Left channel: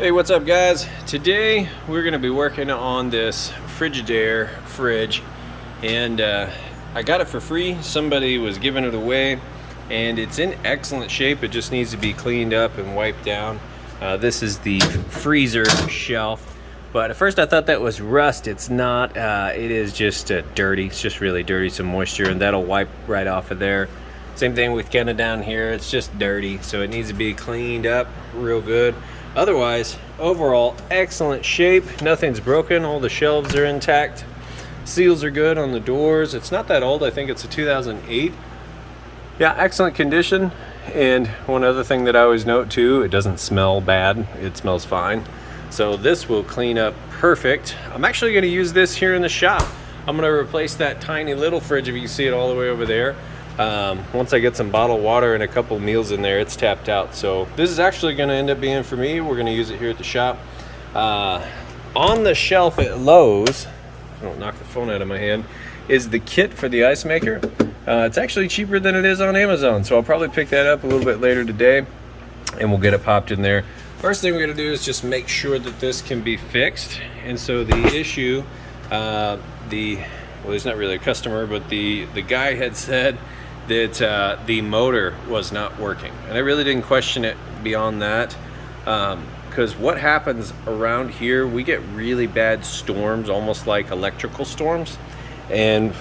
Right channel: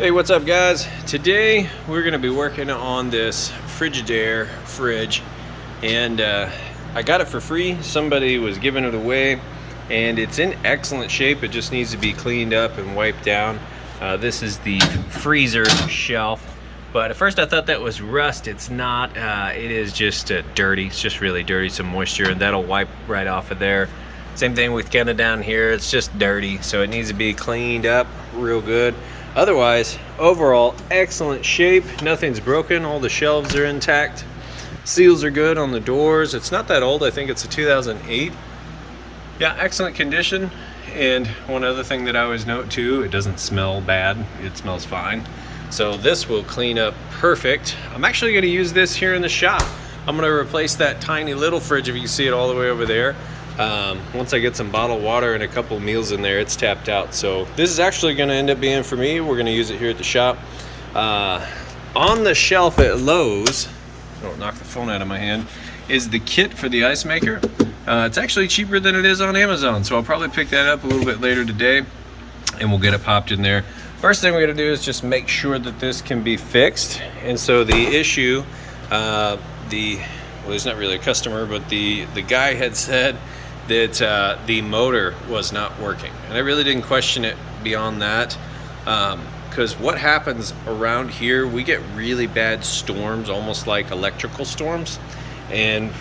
Hey, what's up guys? Today we're going to be working on this Frigidaire fridge, and I got it for free. Somebody was giving it away and it's in excellent shape. It just needs to be cleaned up and wiped down. This is the freezer shelf, but at first I thought that was rust. It's not. It is just dirty. It's just really dirty, some moisture, and that'll wipe right off of there. Same thing with kind of down here. It's just dirty, so it needs to be cleaned up real good. Otherwise, overall, excellent shape. Nothing's broken. All the shelves are intact. Seals are good on the doors. It's not that old. I think it's a 2008. Yeah, excellent condition. And one other thing that I always note too, it doesn't smell bad. It smells fine. So this will clean up perfect. I'm actually going to use this here in the shop. I'm going to replace that tiny little fridge, if you can see it all the way over there. Once I get some bottled water and a couple meals in there, it's tapped out. So this is actually going to end up being for me. We're going to use it here at the shop. On the shelf at Lowe's, I don't knock the phone out of my hand, is the kit for the ice maker. It's actually cheaper than it is on Amazon, so I'll probably pick that up a little bit later today and we'll get it popped in there. First thing we're going to do is just make sure that this can be fixed. And so the issue, well, he's not really a customer, but the guy had said that the motor was not working, and I really didn't question it beyond that, because what happens around here, we get really bad storms, almost like electrical storms, and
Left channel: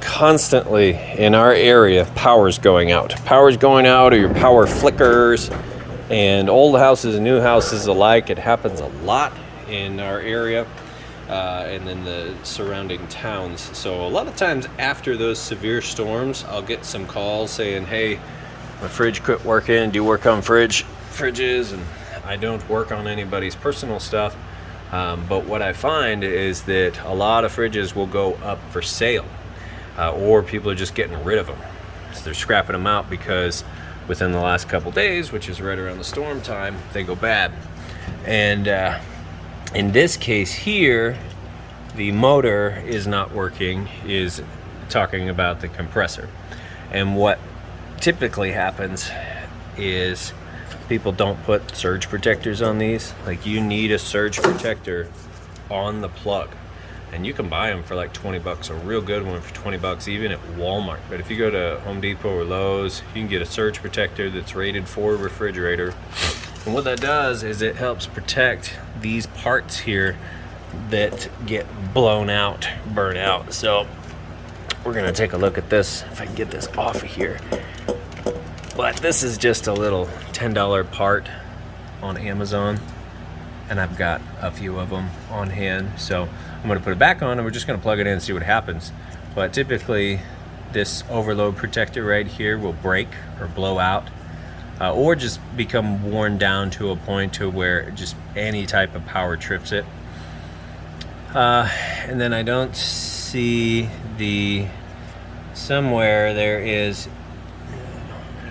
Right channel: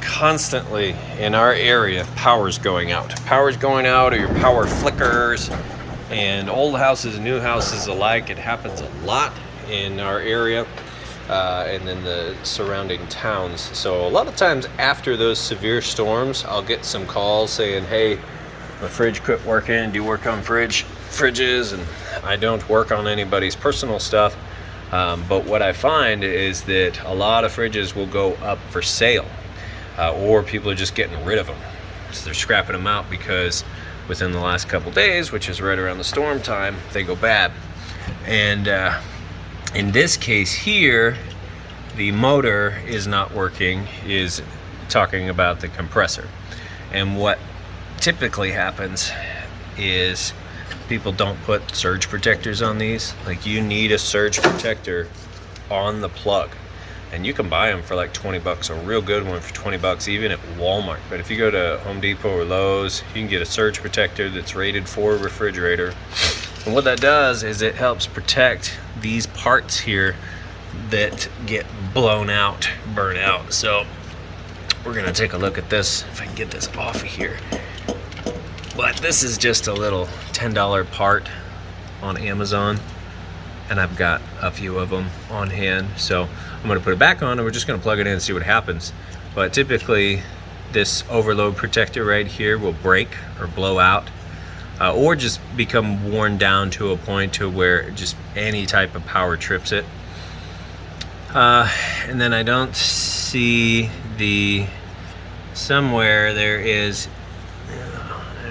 constantly in our area power's going out, or your power flickers. And old houses and new houses alike, it happens a lot in our area. And then the surrounding towns. So a lot of times after those severe storms, I'll get some calls saying, hey, my fridge quit working. Do you work on fridges? And I don't work on anybody's personal stuff. But what I find is that a lot of fridges will go up for sale, or people are just getting rid of them. So they're scrapping them out because within the last couple days, which is right around the storm time, they go bad. And in this case here, the motor is not working, is talking about the compressor. And what typically happens is people don't put surge protectors on these. Like, you need a surge protector on the plug. And you can buy them for like 20 bucks, a real good one for 20 bucks, even at Walmart. But if you go to Home Depot or Lowe's, you can get a surge protector that's rated for a refrigerator. And what that does is it helps protect these parts here that get blown out, burn out. So we're gonna take a look at this, if I can get this off of here. But this is just a little $10 part on Amazon, and I've got a few of them on hand. So I'm gonna put it back on and we're just gonna plug it in and see what happens. But typically this overload protector right here will break or blow out, or just become worn down to a point to where just any type of power trips it. And then I don't see somewhere there is,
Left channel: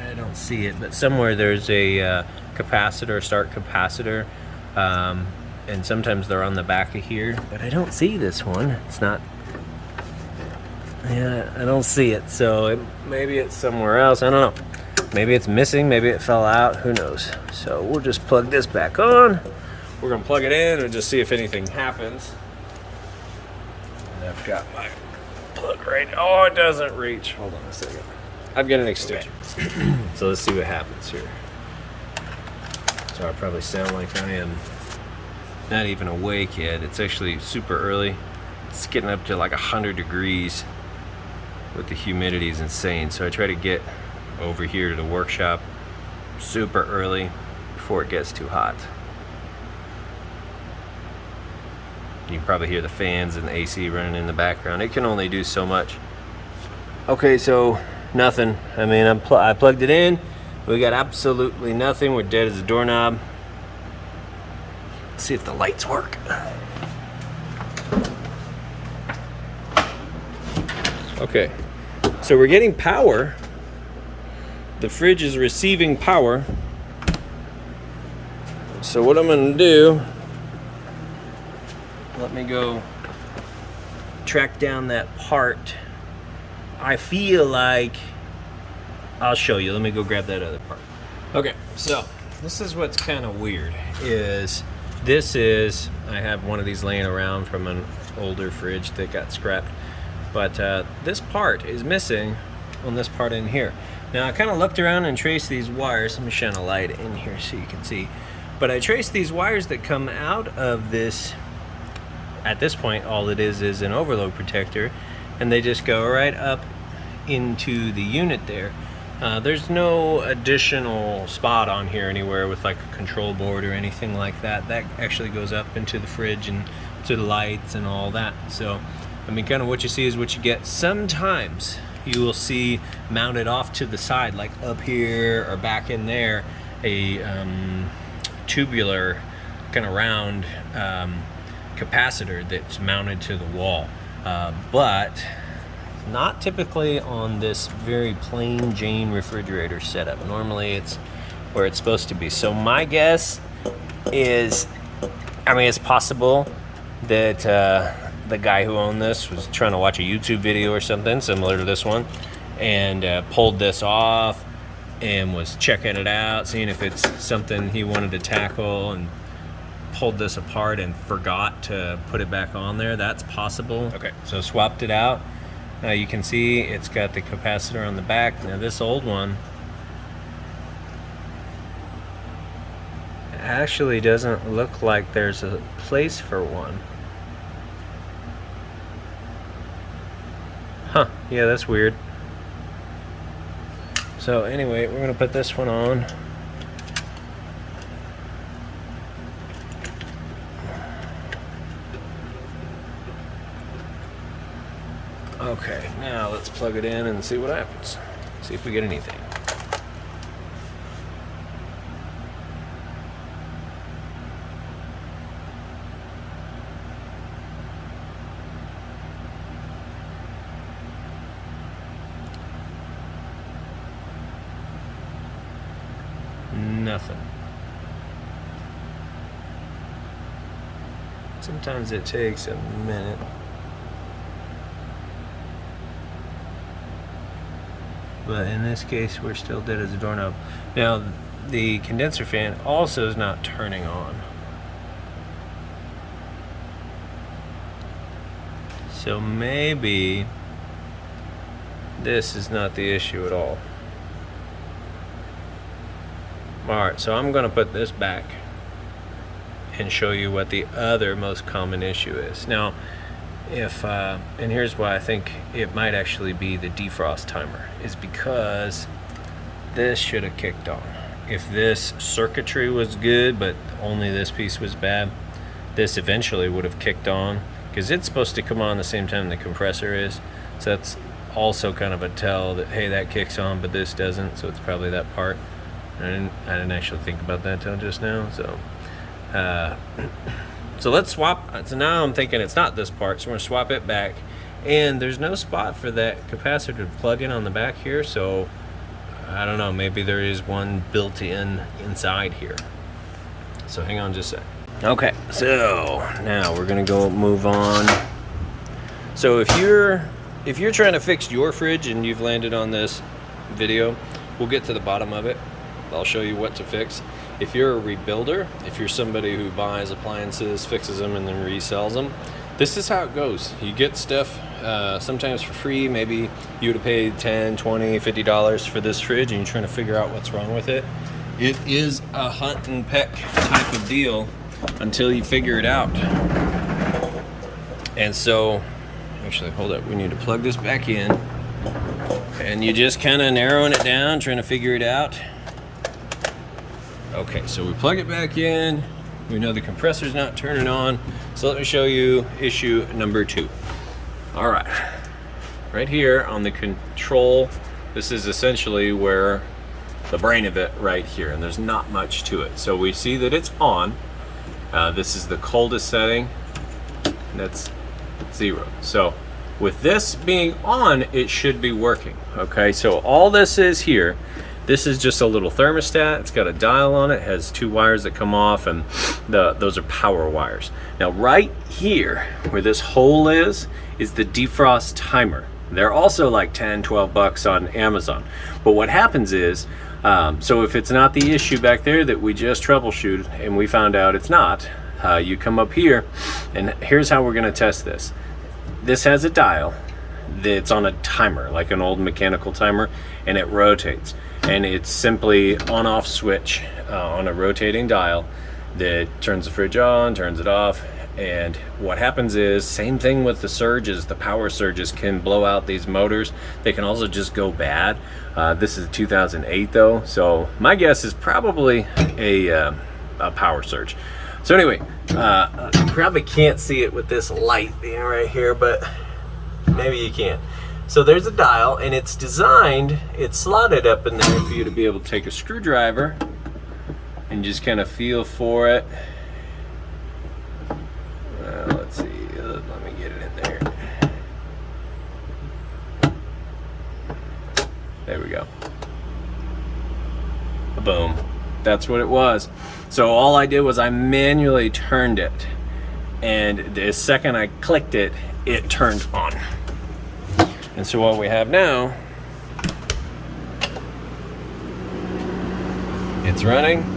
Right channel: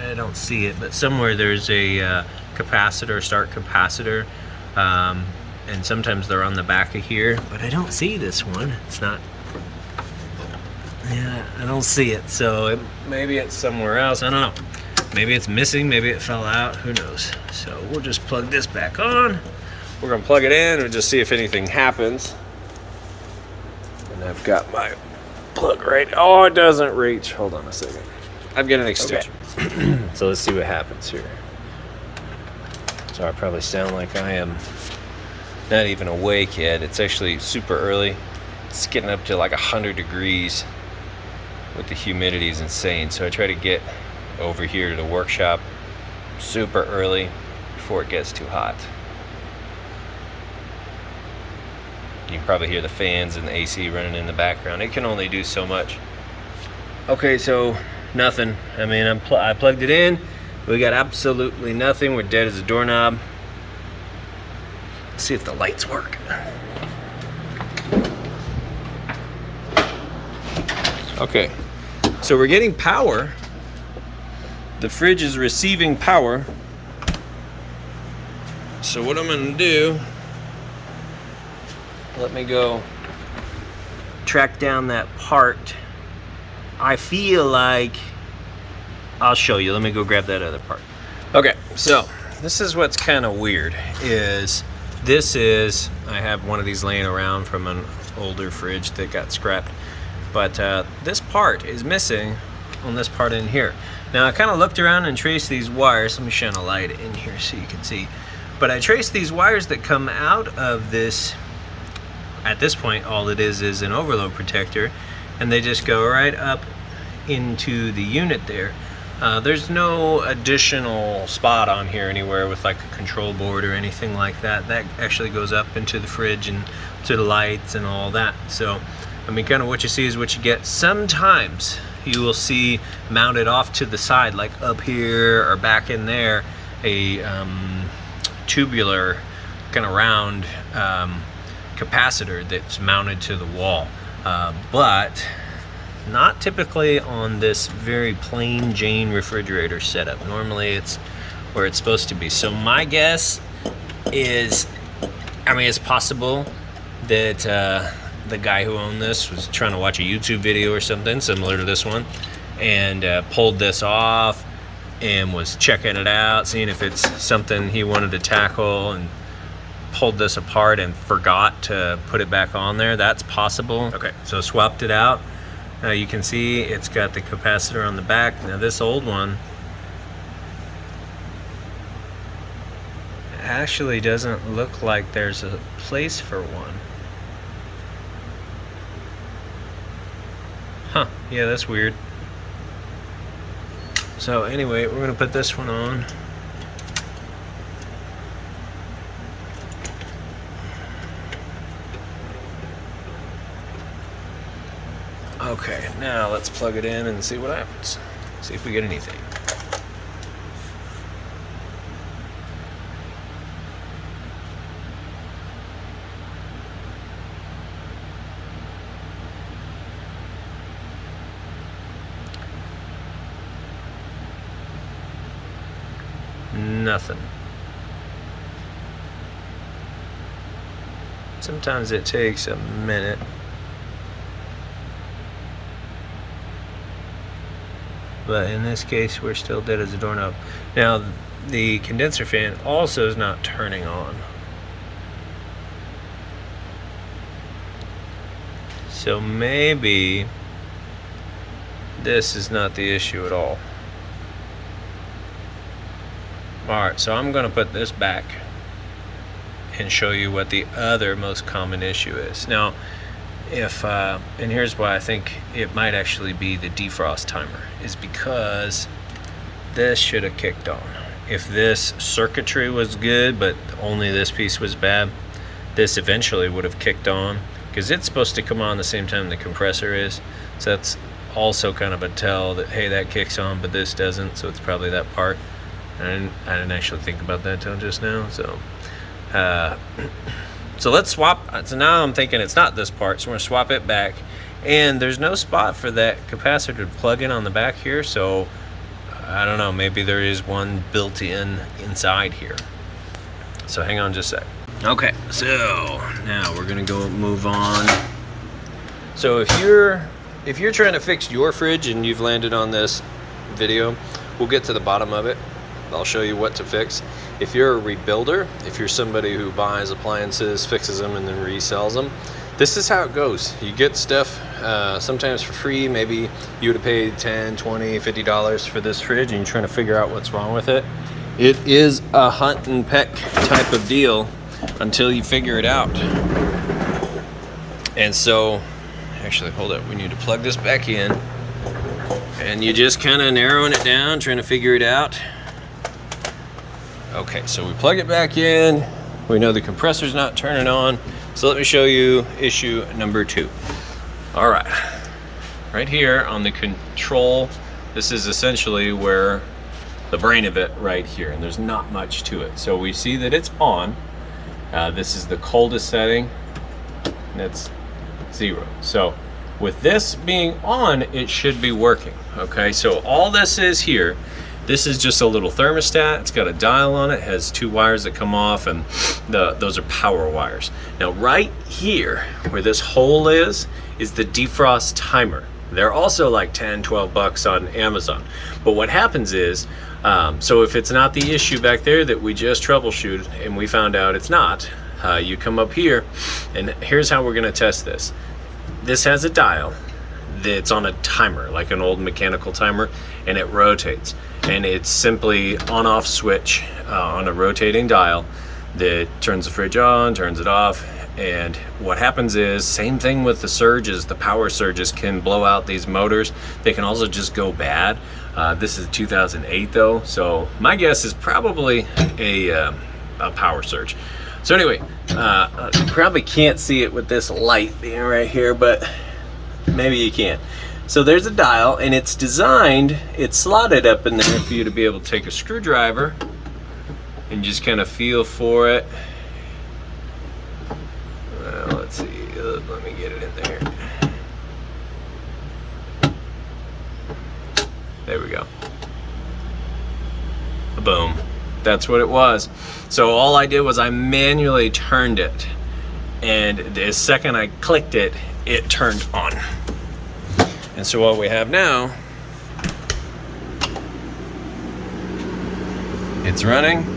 I don't see it, but somewhere there's a capacitor, start capacitor, and sometimes they're on the back of here, but I don't see this one. It's not, yeah, I don't see it. So maybe it's somewhere else, I don't know. Maybe it's missing, maybe it fell out, who knows. So we'll just plug this back on. We're gonna plug it in and just see if anything happens. And I've got my plug right, oh, it doesn't reach. Hold on a second. I've got an extension. Okay. So let's see what happens here. So I probably sound like I am not even awake yet. It's actually super early. It's getting up to like 100 degrees with the humidity is insane. So I try to get over here to the workshop super early before it gets too hot. You can probably hear the fans and the AC running in the background. It can only do so much. Okay, so nothing. I mean, I plugged it in. We got absolutely nothing. We're dead as a doorknob. Let's see if the lights work. Okay, so we're getting power. The fridge is receiving power. So what I'm gonna do, let me go track down that part. I feel like, I'll show you. Let me go grab that other part. Okay, so this is what's kind of weird is This is, I have one of these laying around from an older fridge that got scrapped, but this part is missing on this part in here. Now I kind of looked around and traced these wires. Let me shine a light in here so you can see. But I traced these wires that come out of this. At this point, all it is an overload protector, and they just go right up into the unit there. There's no additional spot on here anywhere with like a control board or anything like that. That actually goes up into the fridge and to the lights and all that. So, I mean, kind of what you see is what you get. Sometimes you will see mounted off to the side, like up here or back in there, a tubular kind of round capacitor that's mounted to the wall, but not typically on this very plain Jane refrigerator setup. Normally it's where it's supposed to be. So my guess is, I mean, it's possible that the guy who owned this was trying to watch a YouTube video or something similar to this one, and pulled this off and was checking it out, seeing if it's something he wanted to tackle, and pulled this apart and forgot to put it back on there. That's possible. Okay, so swapped it out. Now you can see it's got the capacitor on the back. Now this old one actually doesn't look like there's a place for one. Huh, yeah, that's weird. So anyway, we're gonna put this one on. Okay, now let's plug it in and see what happens. See if we get anything. Nothing. Sometimes it takes a minute. But in this case, we're still dead as a doorknob. Now, the condenser fan also is not turning on. So maybe this is not the issue at all. Alright, so I'm going to put this back and show you what the other most common issue is. Now, if and here's why I think it might actually be the defrost timer, is because this should have kicked on. If this circuitry was good but only this piece was bad, this eventually would have kicked on, because it's supposed to come on the same time the compressor is. So that's also kind of a tell that, hey, that kicks on but this doesn't, so it's probably that part. I didn't actually think about that till just now. So so let's swap. So now I'm thinking it's not this part, so we're gonna swap it back. And there's no spot for that capacitor to plug in on the back here, so I don't know, maybe there is one built in inside here. So hang on just a sec. Okay, so now we're gonna go move on. So if you're trying to fix your fridge and you've landed on this video, we'll get to the bottom of it. I'll show you what to fix. If you're a rebuilder, if you're somebody who buys appliances, fixes them, and then resells them, this is how it goes. You get stuff sometimes for free. Maybe you would have paid $10, $20, $50 for this fridge, and you're trying to figure out what's wrong with it. It is a hunt and peck type of deal until you figure it out. And so, actually, hold up, we need to plug this back in. And you're just kind of narrowing it down, trying to figure it out. Okay, so we plug it back in. We know the compressor's not turning on. So let me show you issue number 2. All right, right here on the control, this is essentially where the brain of it right here, and there's not much to it. So we see that it's on. This is the coldest setting, and that's 0. So with this being on, it should be working. Okay, so all this is here, this is just a little thermostat. It's got a dial on it, has 2 wires that come off, and those are power wires. Now right here where this hole is the defrost timer. They're also like 10, 12 bucks on Amazon. But what happens is, so if it's not the issue back there that we just troubleshooted and we found out it's not, you come up here, and here's how we're going to test this. This has a dial that's on a timer, like an old mechanical timer, and it rotates. And it's simply on-off switch on a rotating dial that turns the fridge on, turns it off. And what happens is, same thing with the surges, the power surges can blow out these motors. They can also just go bad. This is 2008 though, so my guess is probably a power surge. So anyway, you probably can't see it with this light being right here, but maybe you can. So there's a dial, and it's designed, it's slotted up in there for you to be able to take a screwdriver and just kind of feel for it. Let's see, let me get it in there. There we go. Boom. That's what it was. So all I did was I manually turned it, and the second I clicked it, it turned on. And so what we have now, it's running.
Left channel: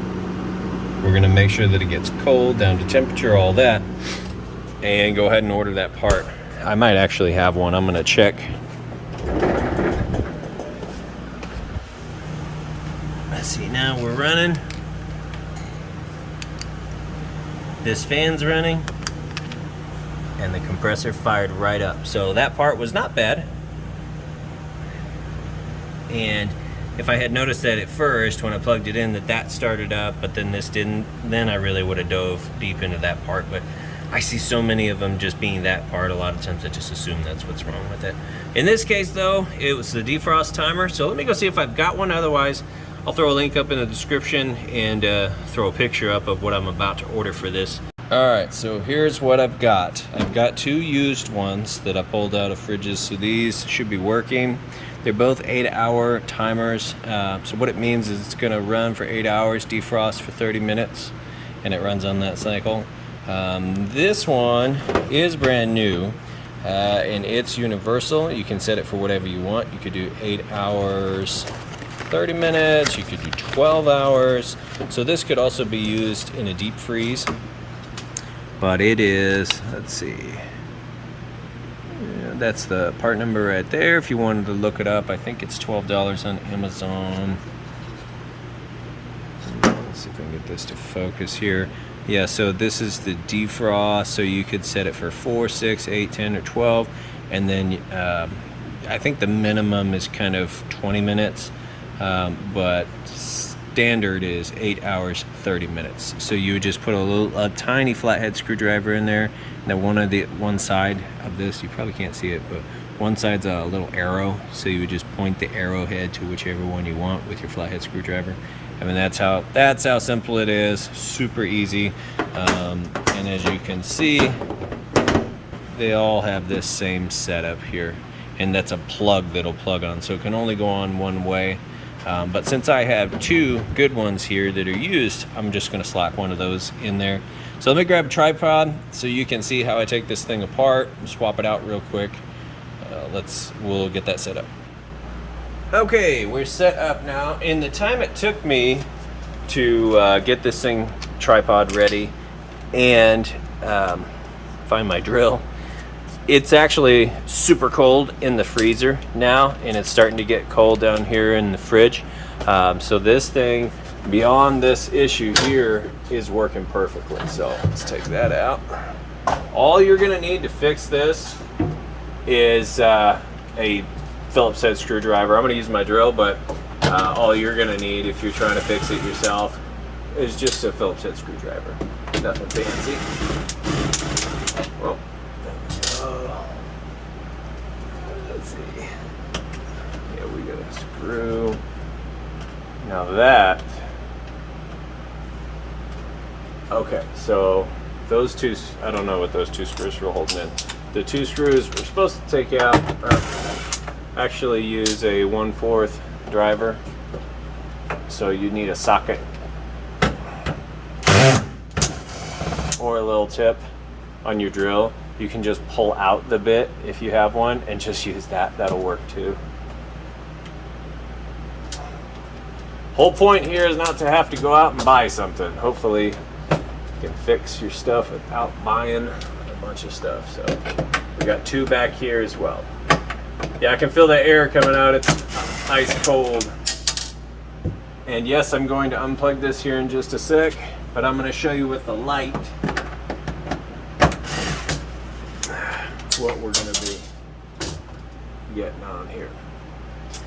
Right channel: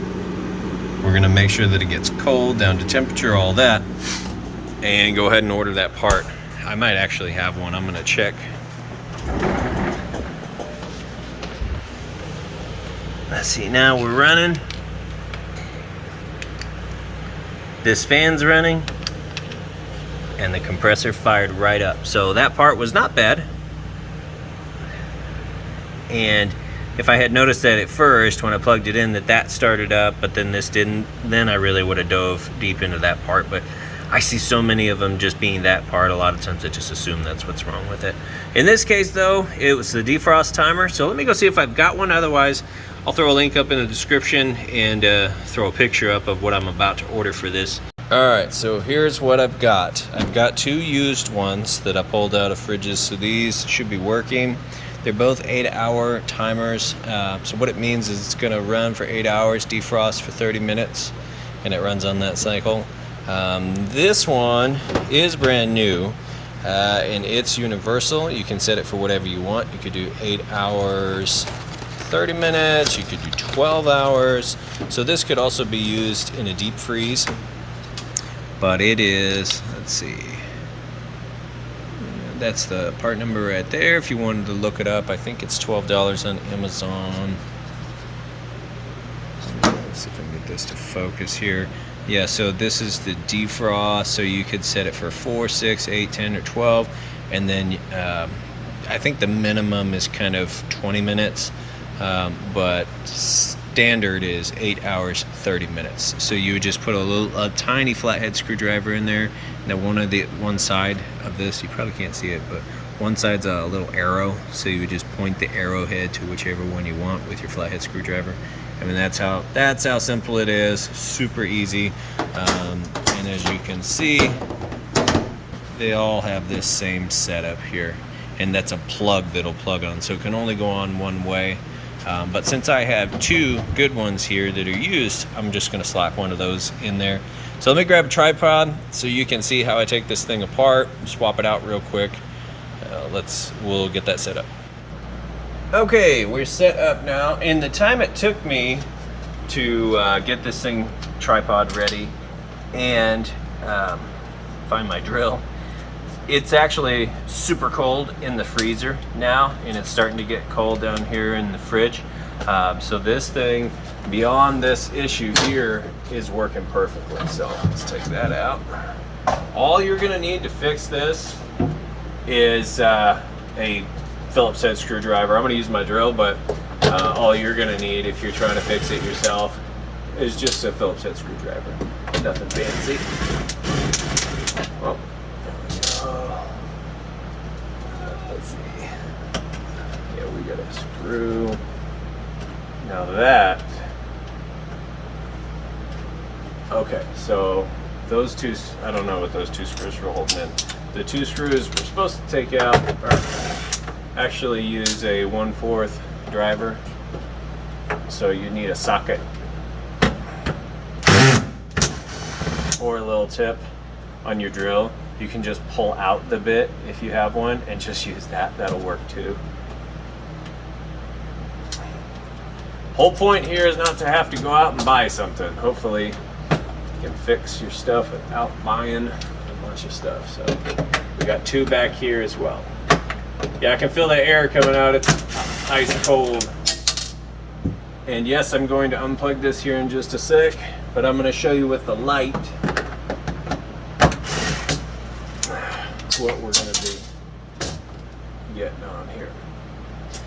We're gonna make sure that it gets cold, down to temperature, all that, and go ahead and order that part. I might actually have one. I'm gonna check. Let's see, now we're running. This fan's running, and the compressor fired right up. So that part was not bad. And if I had noticed that at first when I plugged it in that started up, but then this didn't, then I really would have dove deep into that part. But I see so many of them just being that part. A lot of times I just assume that's what's wrong with it. In this case though, it was the defrost timer. So let me go see if I've got one. Otherwise, I'll throw a link up in the description and throw a picture up of what I'm about to order for this. All right, so here's what I've got. I've got 2 used ones that I pulled out of fridges, so these should be working. They're both 8-hour timers. So what it means is it's gonna run for 8 hours, defrost for 30 minutes, and it runs on that cycle. This one is brand new, and it's universal. You can set it for whatever you want. You could do 8 hours, 30 minutes, you could do 12 hours. So this could also be used in a deep freeze, but it is, let's see, that's the part number right there. If you wanted to look it up, I think it's $12 on Amazon. Let's see if I can get this to focus here. Yeah, so this is the defrost, so you could set it for 4, 6, 8, 10, or 12, and then I think the minimum is kind of 20 minutes, but standard is 8 hours, 30 minutes. So you would just put a tiny flathead screwdriver in there. Now one side of this, you probably can't see it, but one side's a little arrow. So you would just point the arrowhead to whichever one you want with your flathead screwdriver. I mean, that's how simple it is. Super easy. And as you can see, they all have this same setup here, and that's a plug that'll plug on. So it can only go on one way. But since I have 2 good ones here that are used, I'm just gonna slap one of those in there. So let me grab a tripod so you can see how I take this thing apart, swap it out real quick. We'll get that set up. Okay, we're set up now. In the time it took me to get this thing tripod ready and find my drill, it's actually super cold in the freezer now, and it's starting to get cold down here in the fridge. So this thing, beyond this issue here, is working perfectly. So let's take that out. All you're gonna need to fix this is a Phillips head screwdriver. I'm gonna use my drill, but all you're gonna need if you're trying to fix it yourself is just a Phillips head screwdriver. Nothing fancy. Well, let's see. Yeah, we got a screw. Now that, okay, so those 2, I don't know what those 2 screws were holding in. The 2 screws we're supposed to take out actually use a 1/4 driver, so you need a socket or a little tip on your drill. You can just pull out the bit if you have one and just use that. That'll work too. Whole point here is not to have to go out and buy something. Hopefully You can fix your stuff without buying a bunch of stuff. So we got 2 back here as well. Yeah, I can feel the air coming out. It's ice cold. And yes, I'm going to unplug this here in just a sec, but I'm going to show you with the light what we're going to do getting on here.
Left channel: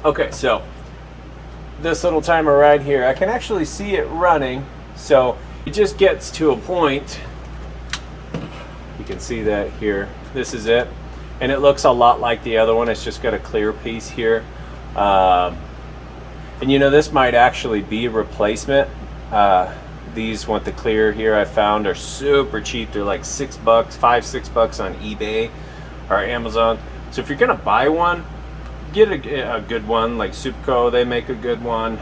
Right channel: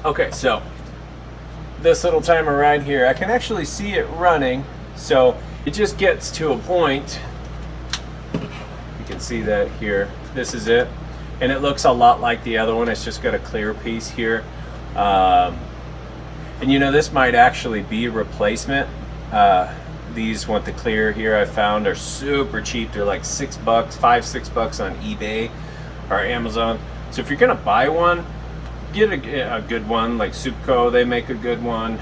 Okay, so this little timer right here, I can actually see it running. So it just gets to a point, you can see that here, this is it, and it looks a lot like the other one. It's just got a clear piece here, and you know, this might actually be a replacement. These with the clear here I found are super cheap. They're like $6, $5-6 on eBay or Amazon. So if you're gonna buy one, get a good one. Like Supco, they make a good one.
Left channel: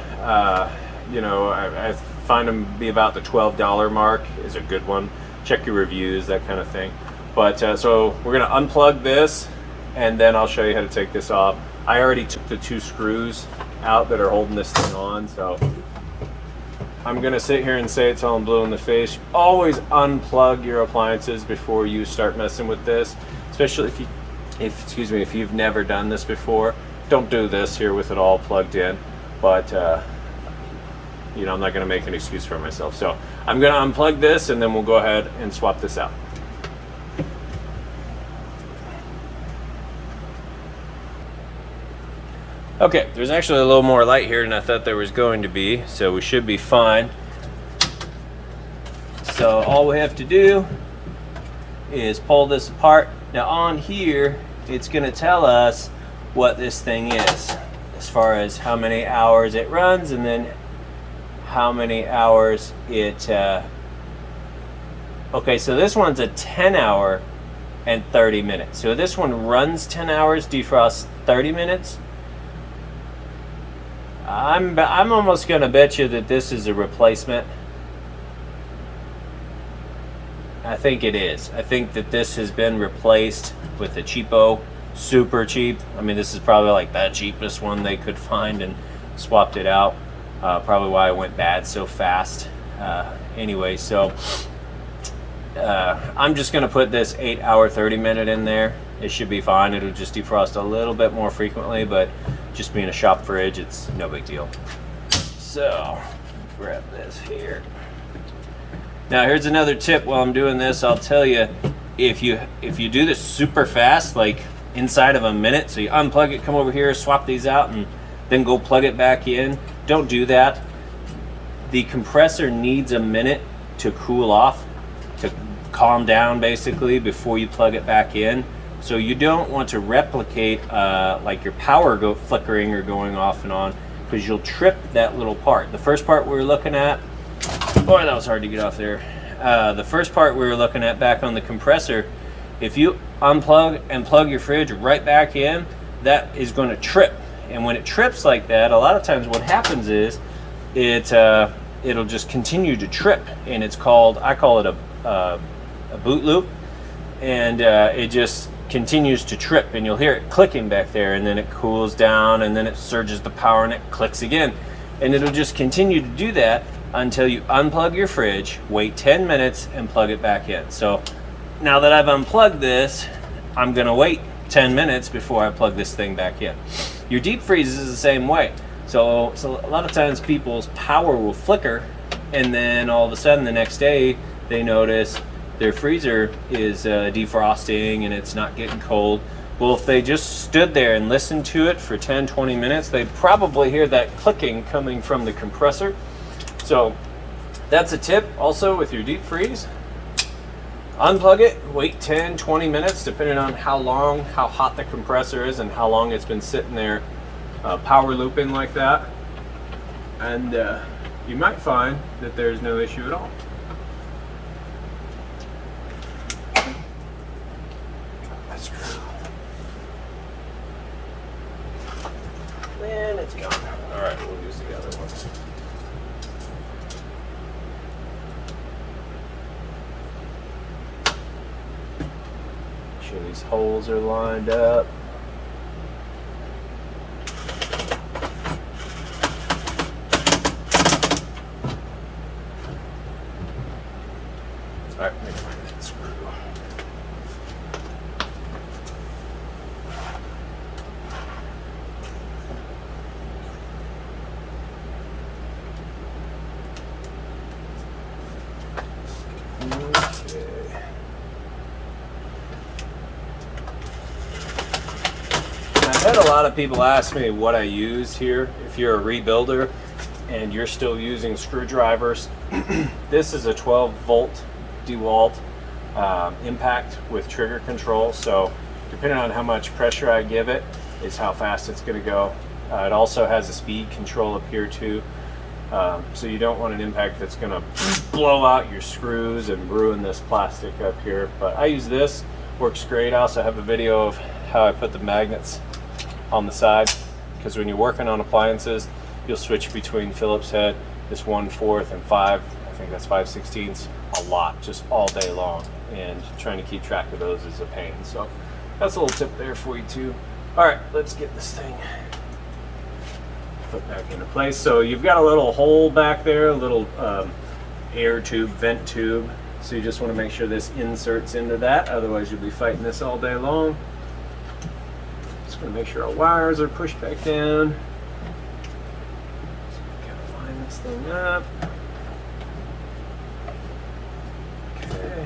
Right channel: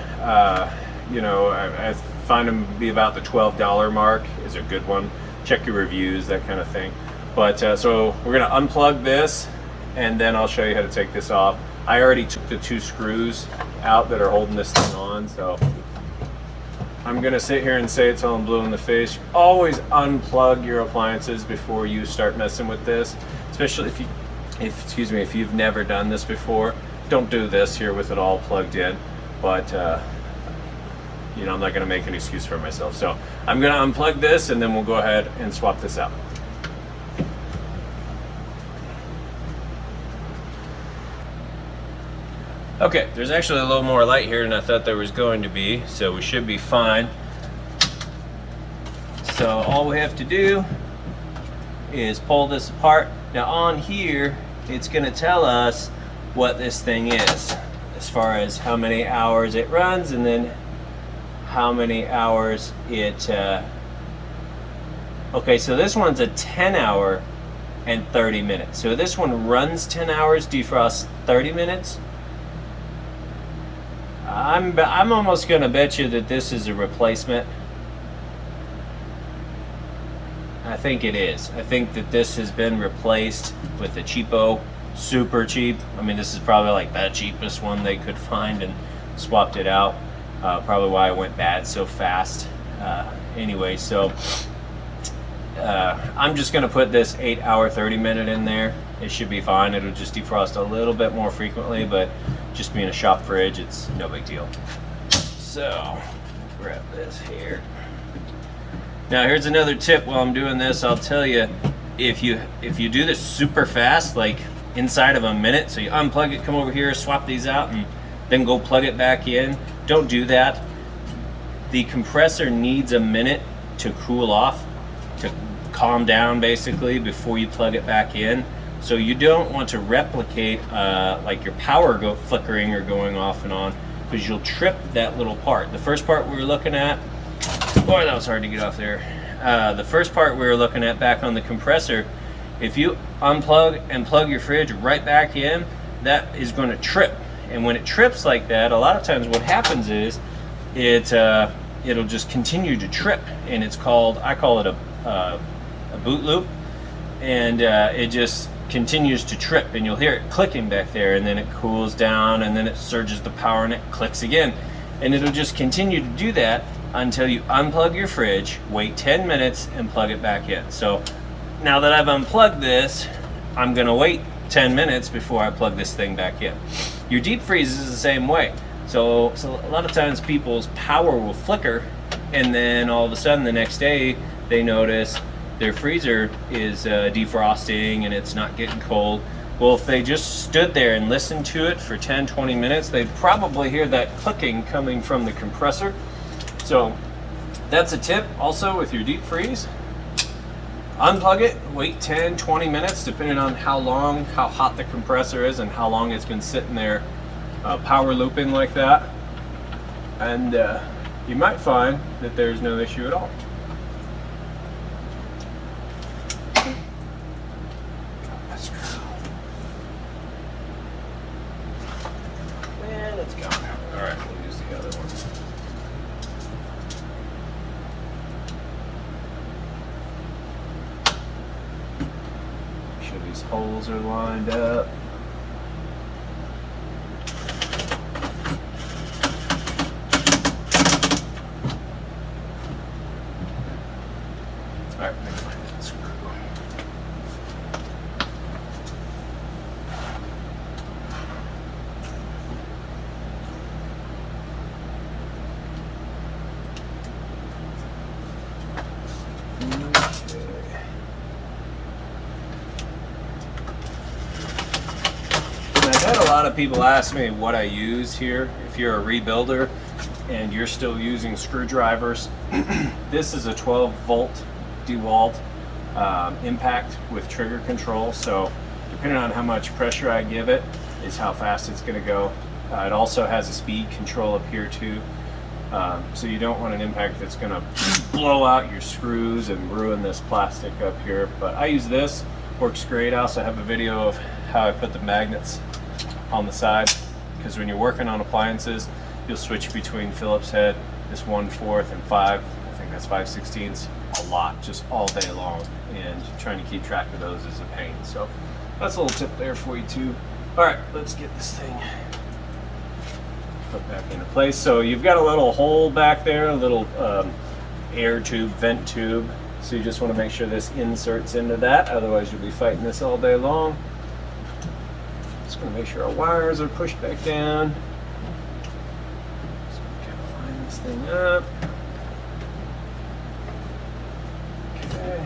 You know, I find them to be about the $12 mark is a good one. Check your reviews, that kind of thing. But so we're gonna unplug this, and then I'll show you how to take this off. I already took the 2 screws out that are holding this thing on, so I'm gonna sit here and say it till I'm blue in the face. Always unplug your appliances before you start messing with this, especially if you've never done this before. Don't do this here with it all plugged in, but you know, I'm not gonna make an excuse for myself. So I'm gonna unplug this, and then we'll go ahead and swap this out. Okay, there's actually a little more light here than I thought there was going to be, so we should be fine. So all we have to do is pull this apart. Now on here, it's gonna tell us what this thing is, as far as how many hours it runs, and then how many hours it, okay, so this one's a 10-hour and 30 minutes. So this one runs 10 hours, defrosts 30 minutes. I'm almost gonna bet you that this is a replacement. I think it is. I think that this has been replaced with a cheapo, super cheap. I mean, this is probably like the cheapest one they could find, and swapped it out. Probably why it went bad so fast. Anyway, so I'm just gonna put this 8-hour 30-minute in there. It should be fine. It'll just defrost a little bit more frequently, but just being a shop fridge, it's no big deal. So grab this here. Now here's another tip. While I'm doing this, I'll tell you, if you do this super fast, like inside of a minute, so you unplug it, come over here, swap these out, and then go plug it back in, don't do that. The compressor needs a minute to cool off, to calm down basically, before you plug it back in. So you don't want to replicate like your power flickering or going off and on, because you'll trip that little part. The first part we were looking at, boy, that was hard to get off there. The first part we were looking at back on the compressor, if you unplug and plug your fridge right back in, that is going to trip. And when it trips like that, a lot of times what happens is it'll just continue to trip, and it's called, I call it a boot loop, and it just continues to trip, and you'll hear it clicking back there, and then it cools down, and then it surges the power, and it clicks again, and it'll just continue to do that until you unplug your fridge, wait 10 minutes, and plug it back in. So now that I've unplugged this, I'm gonna wait 10 minutes before I plug this thing back in. Your deep freeze is the same way. So a lot of times people's power will flicker, and then all of a sudden the next day they notice their freezer is defrosting and it's not getting cold. Well, if they just stood there and listened to it for 10-20 minutes, they'd probably hear that clicking coming from the compressor. So that's a tip also with your deep freeze. Unplug it, wait 10-20 minutes, depending on how hot the compressor is and how long it's been sitting there power looping like that. And you might find that there's no issue at all. And it's gone. All right, we'll use the other one. Make sure these holes are lined up. All right, let me find that screw. I've had a lot of people ask me what I use here. If you're a rebuilder and you're still using screwdrivers, this is a 12-volt DeWalt impact with trigger control. So depending on how much pressure I give it is how fast it's going to go. It also has a speed control up here too. So you don't want an impact that's going to blow out your screws and ruin this plastic up here. But I use this, works great. I also have a video of how I put the magnets on the side, because when you're working on appliances, you'll switch between Phillips head, this 1/4 and 5, I think that's 5/16, a lot, just all day long, and trying to keep track of those is a pain. So that's a little tip there for you too. All right, let's get this thing put back into place. So you've got a little hole back there, a little air tube, vent tube. So you just want to make sure this inserts into that, otherwise you'll be fighting this all day long. Just going to make sure our wires are pushed back down. So we kind of line this thing up. Okay.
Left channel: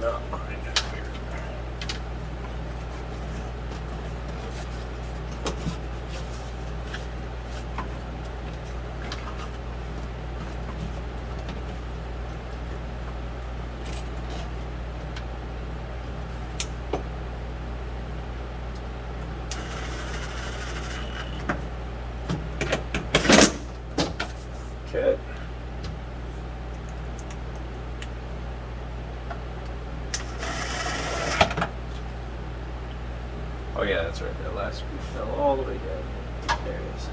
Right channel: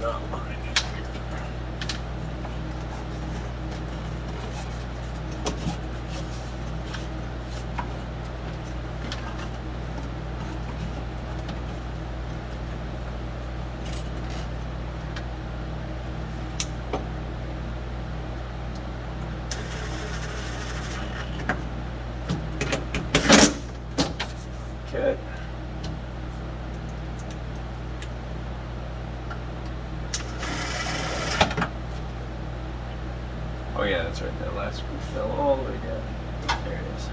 Not mine up here. Okay. Oh yeah, that's right. That last screw fell all the way down. There it is.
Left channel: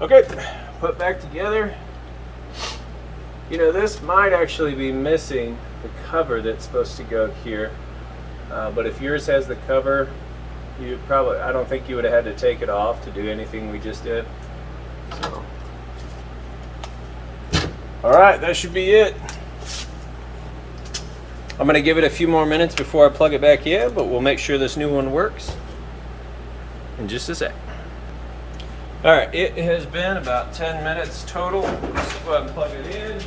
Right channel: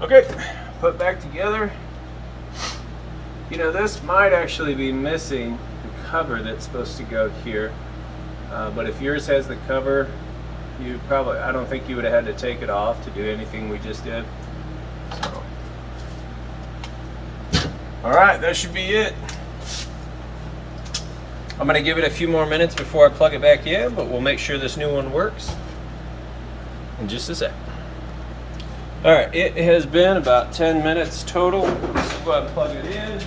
Okay, put back together. You know, this might actually be missing the cover that's supposed to go here. But if yours has the cover, you probably, I don't think you would have had to take it off to do anything we just did. So. All right, that should be it. I'm gonna give it a few more minutes before I plug it back in, but we'll make sure this new one works in just a sec. All right, it has been about 10 minutes total. Let's go ahead and plug it in.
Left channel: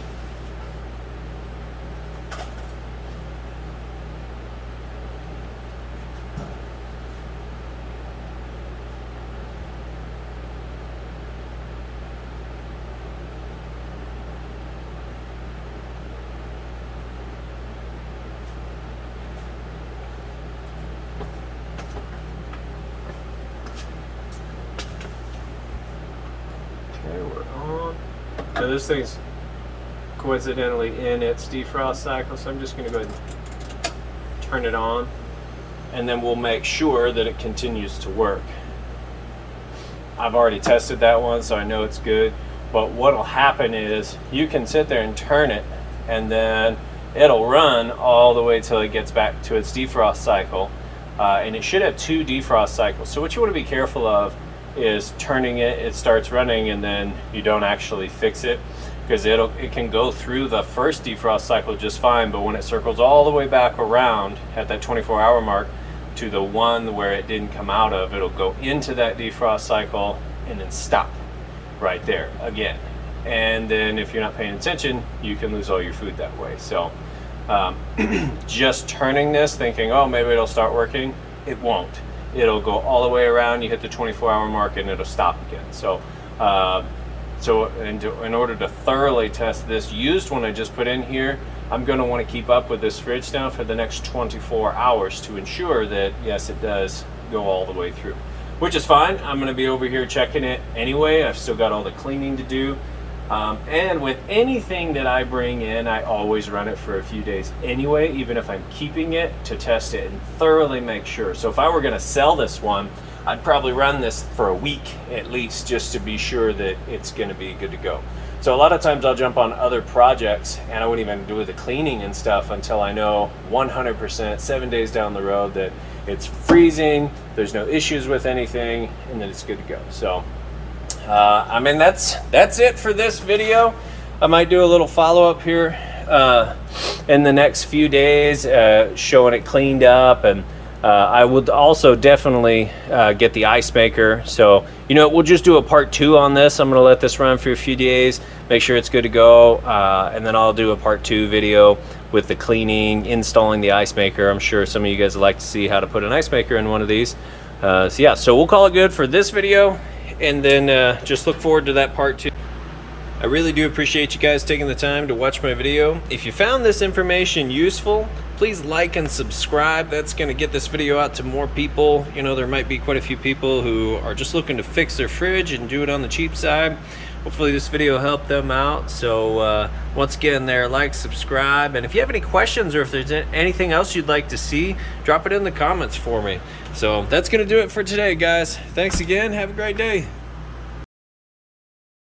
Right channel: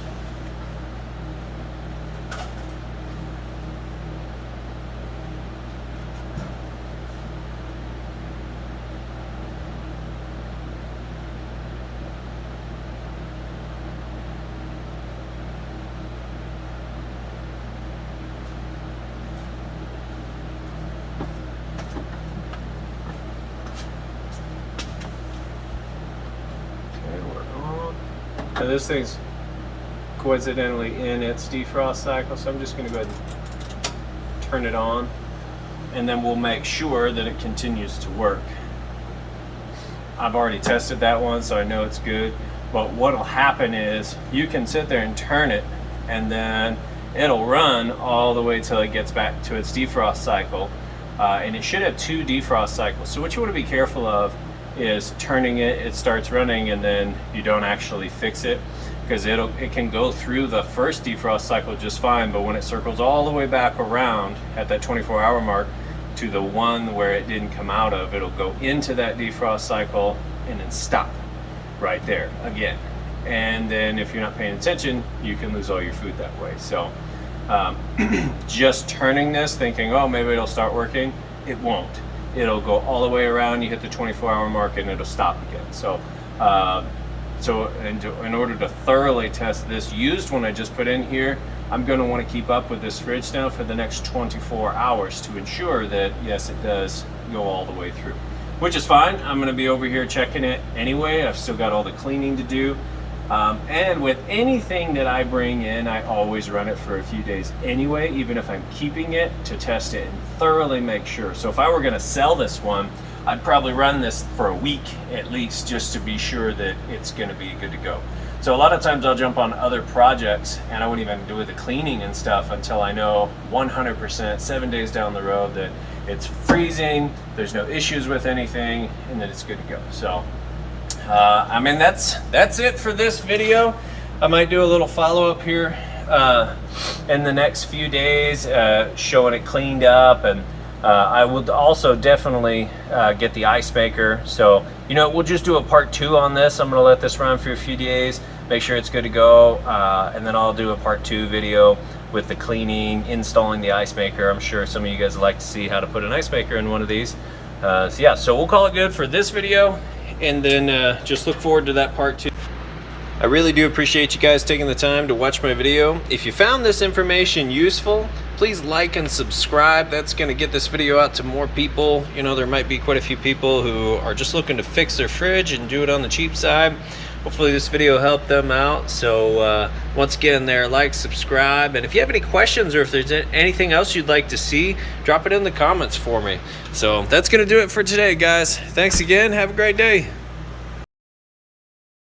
So this thing's coincidentally in its defrost cycle, so I'm just going to go ahead and turn it on, and then we'll make sure that it continues to work. I've already tested that one, so I know it's good, but what'll happen is you can sit there and turn it, and then it'll run all the way till it gets back to its defrost cycle, and it should have 2 defrost cycles. So what you want to be careful of is turning it, it starts running, and then you don't actually fix it, because it can go through the first defrost cycle just fine, but when it circles all the way back around at that 24-hour mark to the one where it didn't come out of, it'll go into that defrost cycle and then stop right there again. And then if you're not paying attention, you can lose all your food that way. So just turning this thinking, oh, maybe it'll start working, it won't. It'll go all the way around, you hit the 24-hour mark, and it'll stop again. So in order to thoroughly test this used one I just put in here, I'm going to want to keep up with this fridge now for the next 24 hours to ensure that, yes, it does go all the way through, which is fine. I'm going to be over here checking it anyway. I've still got all the cleaning to do. And with anything that I bring in, I always run it for a few days anyway, even if I'm keeping it, to test it and thoroughly make sure. So if I were going to sell this one, I'd probably run this for a week at least, just to be sure that it's going to be good to go. So a lot of times I'll jump on other projects and I won't even do the cleaning and stuff until I know 100% 7 days down the road that it's freezing, there's no issues with anything, and that it's good to go. So I mean, that's it for this video. I might do a little follow-up here in the next few days, showing it cleaned up, and I will also definitely get the ice maker. So, you know, we'll just do a part 2 on this. I'm gonna let this run for a few days, make sure it's good to go, and then I'll do a part 2 video with the cleaning, installing the ice maker. I'm sure some of you guys would like to see how to put an ice maker in one of these. So yeah, so we'll call it good for this video, and then just look forward to that part 2. I really do appreciate you guys taking the time to watch my video. If you found this information useful, please like and subscribe. That's going to get this video out to more people. You know, there might be quite a few people who are just looking to fix their fridge and do it on the cheap side. Hopefully this video helped them out. So once again there, like, subscribe, and if you have any questions or if there's anything else you'd like to see, drop it in the comments for me. So that's going to do it for today, guys. Thanks again. Have a great day.